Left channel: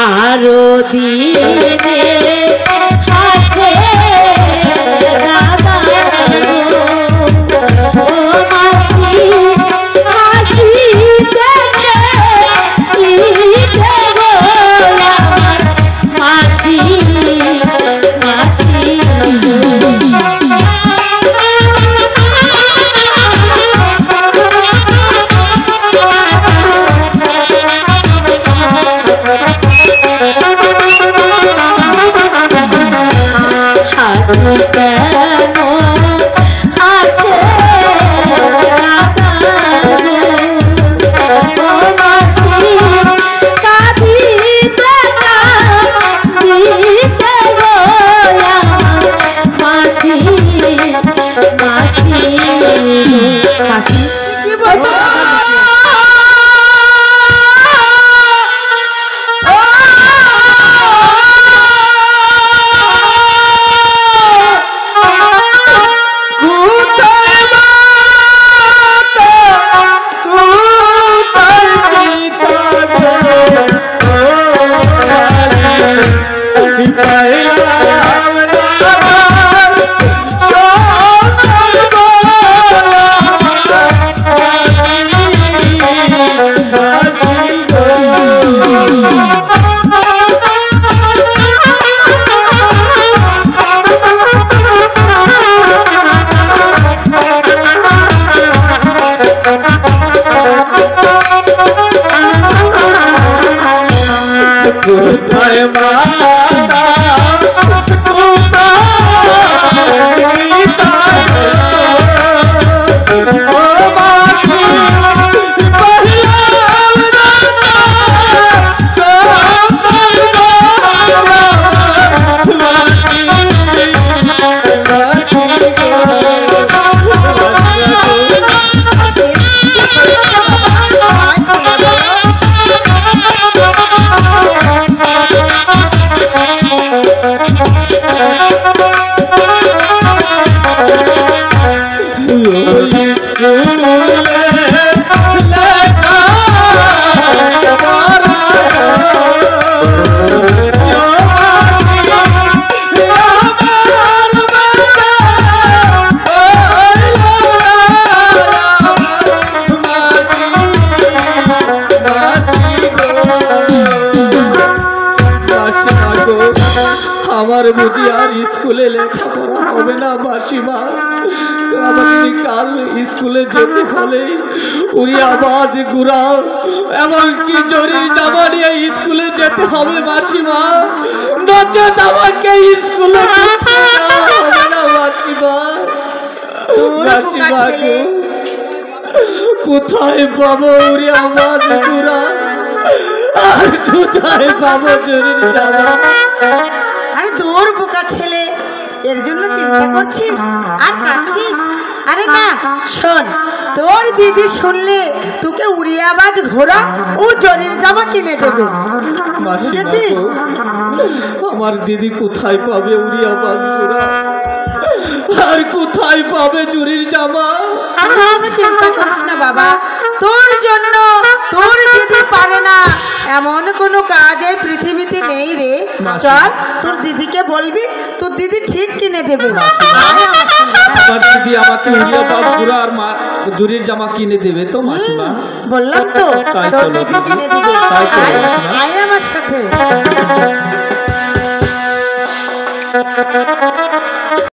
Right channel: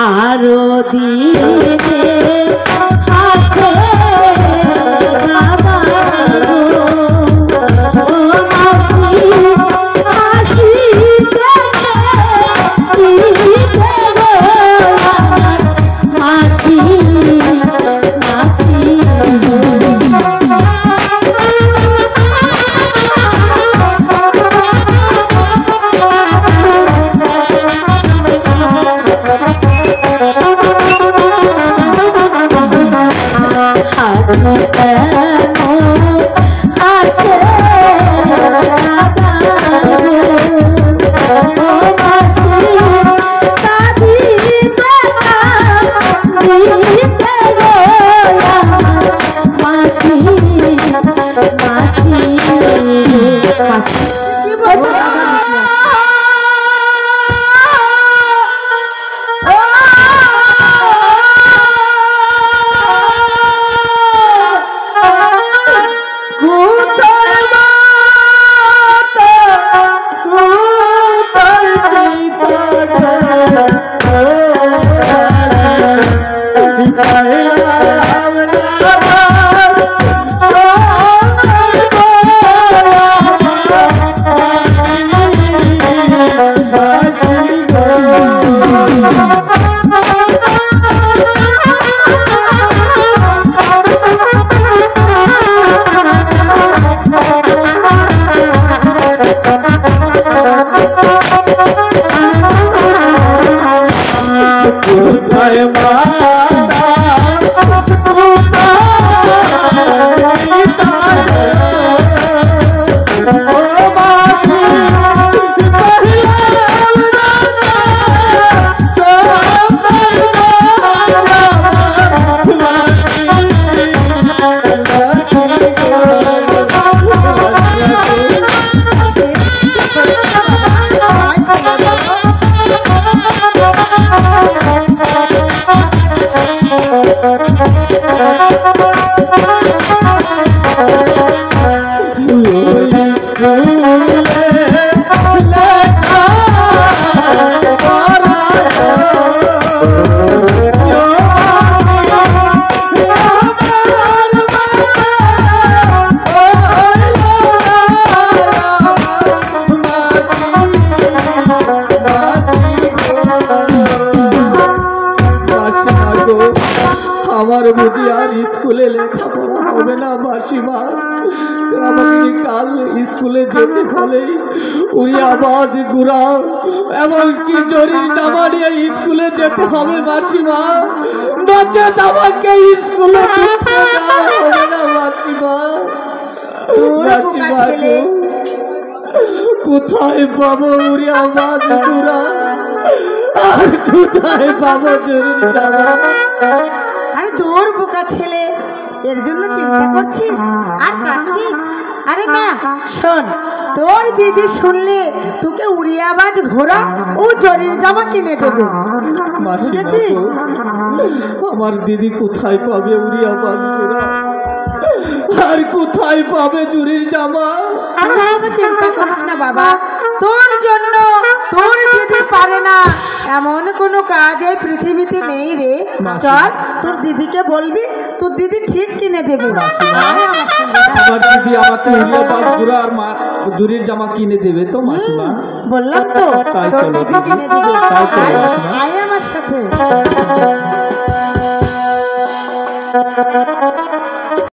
আরো দিনে হাসে বুঝি আর স্কুলে লেখাপড়া হবে না মাসিমা। আমাকে কাল স্কুলে যেতে হলে উড়ি আওয়াজ গুড়া এমনকি জরির জামা নিয়ে স্কুলে যেতে হবে মাসিমা, নচেত আমাকে স্কুলে যেতে হবে না মাসিমা। মাসিমা কোথায় পাবো উড়ি আওয়াজ গুড়া, আর কোথায় পাবো জরির জামা? আরে তোর বোকা ছেলে, এর জন্য চিন্তা করছিস আর কাঁদছিস? আরে না শোন, তোর দিদি শুনলে তোকে উড়িয়াবাজ ঘোড়া ও জরির জামা কিনে দেবে, বুঝেছিস? আমার দিদি কোথায় পাবে উড়িয়াবাজ ঘোড়া, আর কোথায় পাবে জরির জামা? কোনো চিন্তা করিস না বাবা, তোর জন্য তোর দিদি পারে না এমন কোনো কাজ এই পৃথিবীতে নেই রে। চল তোর দিদিকে বলবি, তোর দিদি ঠিক কিনে দেবে। আমার দিদি আমাকে উড়িয়াবাজ ঘোড়া আর জরির জামা কিনে দেবে তো মাসিমা? বললাম তো তোর দিদি কিনে দেবে, আয় আমার সাথে।